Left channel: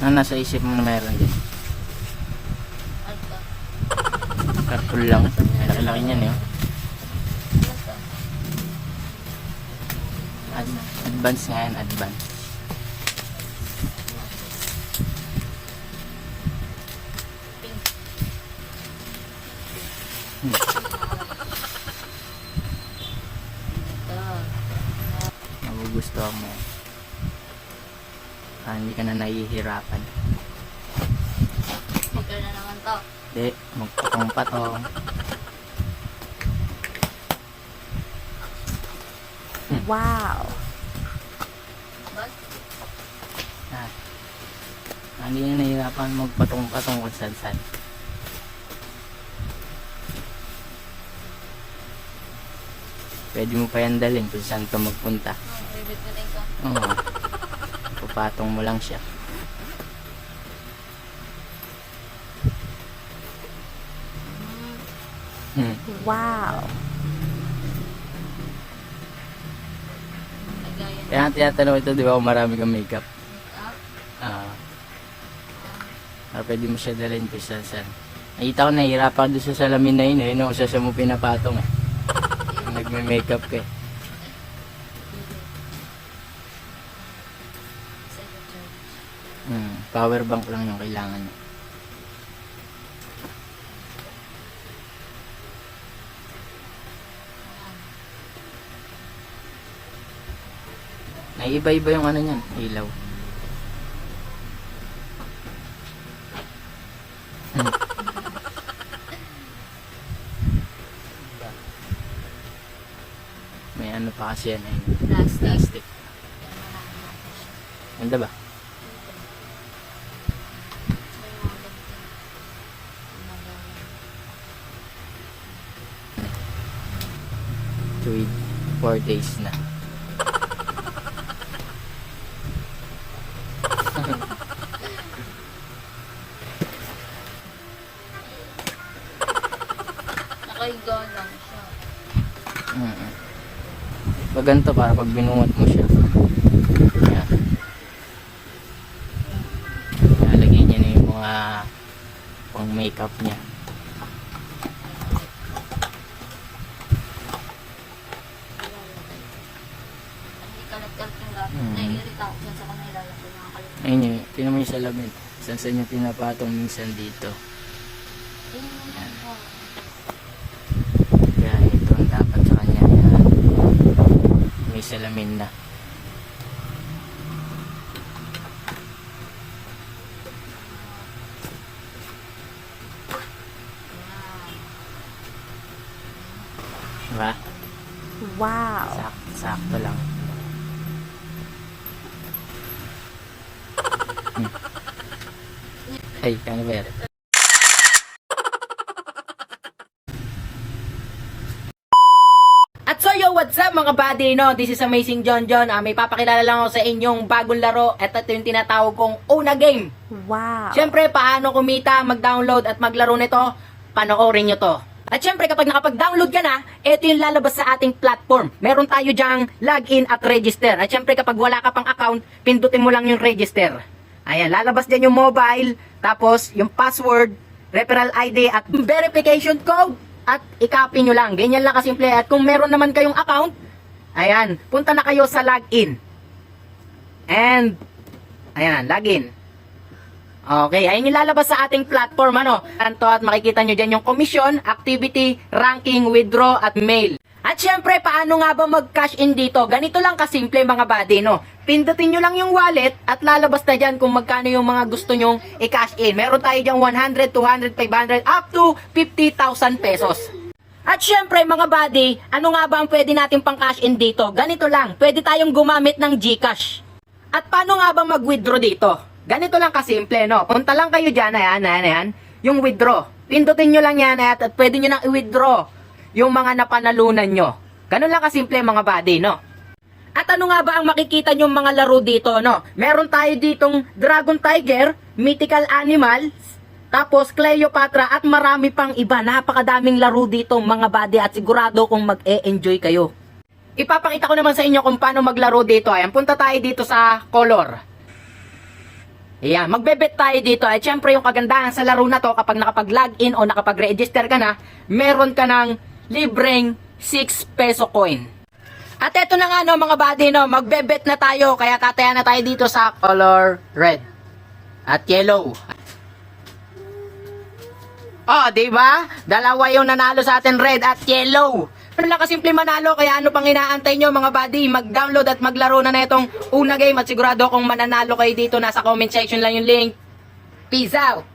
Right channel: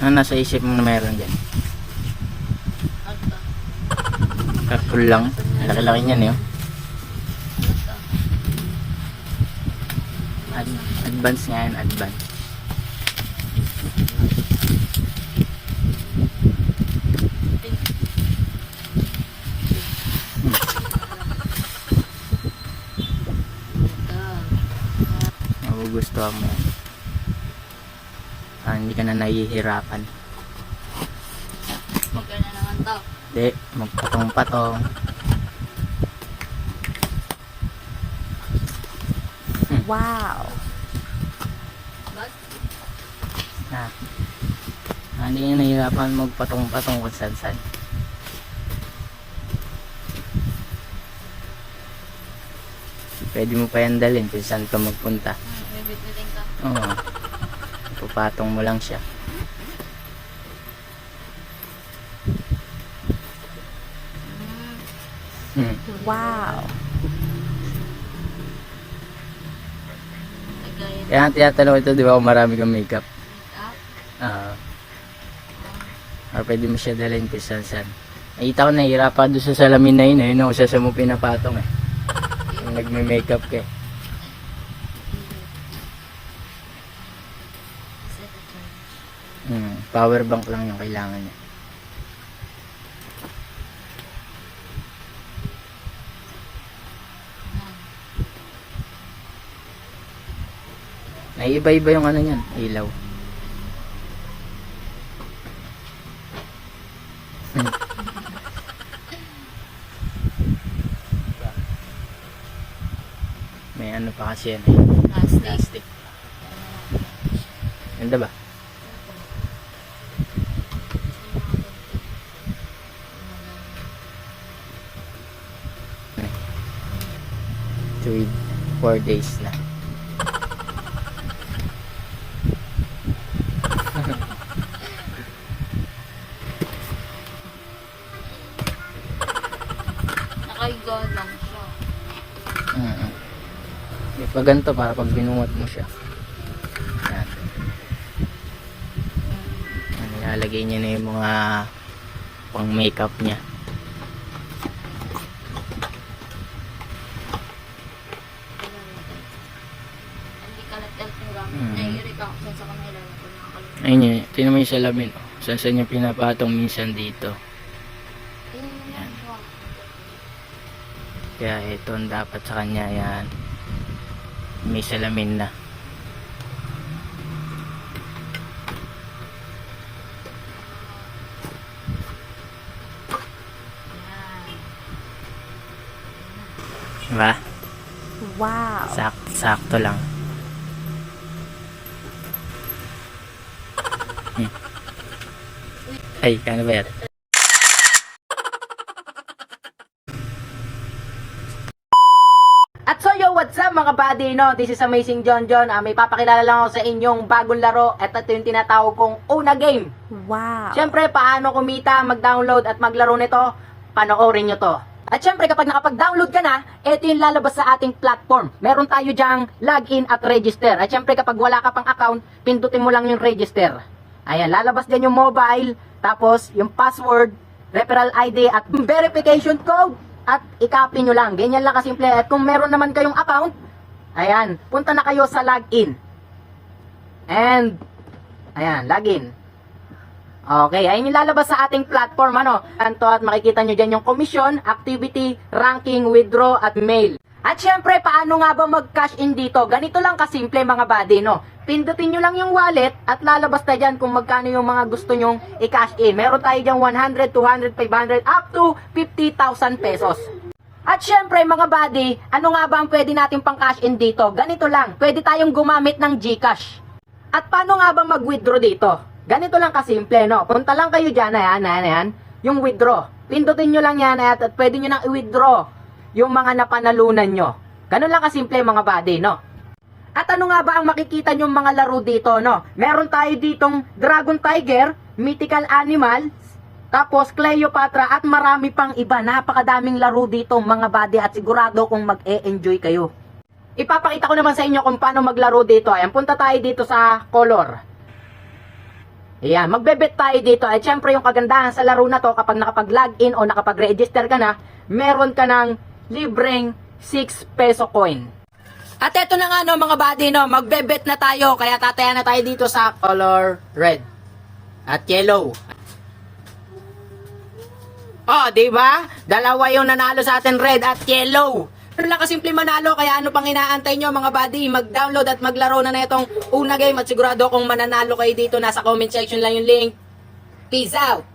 Ano nasa isip mo na meron dyan? Carpool lang. Laki-laki niyan eh. Advance nga yan, advance. Magugustuhan mo. Hindi ka na nahihirapan. Speaker na naman to. Hindi, magpatong-patong. Wow. Bas? Hindi nga nahihirapan magpatong-patong kung saan-saan. Pwede mo pa yan dalhin kung saan ka magpunta. Bibit-bitin ka. Oo. Pupatong mo lang siya. Wow. Lagayan. Kaya ang tinatanong ito, di ba kung marami kang makeup? Ah, Pwede mo siya dalhin kung saan-saan. Nakita ko nahihirapan doon sa salamin na yun. Ayun ako sa mo pinapatong eh. Yung nagme-makeup ka eh. Power bank lang yung kailangan niya. Naiiba-iba yung ano niyan, ilaw. May ano pa kasi yan eh. plastic. Plastic. Ganda ba? Tuwid 4 days na. Nakaigaw lang siya. Pag ganito para pag binuhat mo siya. Yan. Ilalagay niya na yung mga pang makeup niya. Ang di kalat-kalat yung gamit. Naiirita ako sa kanila. Ayun yun, tingnan mo yung salamin. Saan yung pinapatong minsan dito. Kaya ito ang dapat sa kanya yan. May salamin na. Diba? Wow. Sakto lang. Ay, ano ba yan? At so yo, what's up mga buddy, no? This is Amazing John John. May papakilala lang ako sa inyong bagong laro. Ito yung tinatawag kong Una Game. Wow. Siyempre, paano kumita, mag-download at maglaro nito? Panoorin nyo to. At siyempre, kapag nakapag-download ka na, ito yung lalabas sa ating platform. Meron tayo dyang login at register. At siyempre, kapag wala ka pang account, pindutin mo lang yung register. Ayan, lalabas dyan yung mobile, tapos yung password, referral ID at verification code. At i-copy nyo lang. Ganyan lang kasimple. At kung meron naman kayong account, ayan, punta na kayo sa login. And, ayan, login. Okay, ayun yung lalabas sa ating platform, ano. Anto at makikita nyo dyan yung commission, activity, ranking, withdraw, at mail. At syempre, paano nga ba mag-cash in dito? Ganito lang kasimple mga buddy, no. Pindutin nyo lang yung wallet at lalabas na dyan kung magkano yung mga gusto nyong i-cash in. Meron tayo dyan 100, 200, 500, up to 50,000 pesos. At syempre mga buddy, ano nga ba ang pwede natin pang cash in dito? Ganito lang, pwede tayong gumamit ng GCash. At paano nga ba mag-withdraw dito? Ganito lang kasimple, no? Punta lang kayo dyan, ayan, yung withdraw. Pindutin nyo lang yan at pwede nyo nang i-withdraw yung mga napanalunan nyo. Ganun lang kasimple mga buddy, no? At ano nga ba ang makikita nyong mga laro dito, no? Meron tayo ditong Dragon Tiger, Mythical Animals, tapos Cleopatra at marami pang iba. Napakadaming laro dito mga buddy at sigurado kung mag-e-enjoy kayo. Ipapakita ko naman sa inyo kung paano maglaro dito. Ayan, punta tayo dito sa color. Ayan, magbebet tayo dito. At syempre yung kagandahan sa laro na to, kapag nakapag-login o nakapag-register ka na, meron ka ng libreng 6 peso coin. At eto na nga no mga buddy, no, magbebet na tayo. Kaya tataya na tayo dito sa color red at yellow. Oh, di ba? Dalawa yung nanalo sa atin, red at yellow. Pero lang kasimple manalo, kaya ano pang inaantay nyo mga buddy? Mag-download at maglaro na itong una game at sigurado kung mananalo kayo dito, nasa comment section lang yung link. Peace out!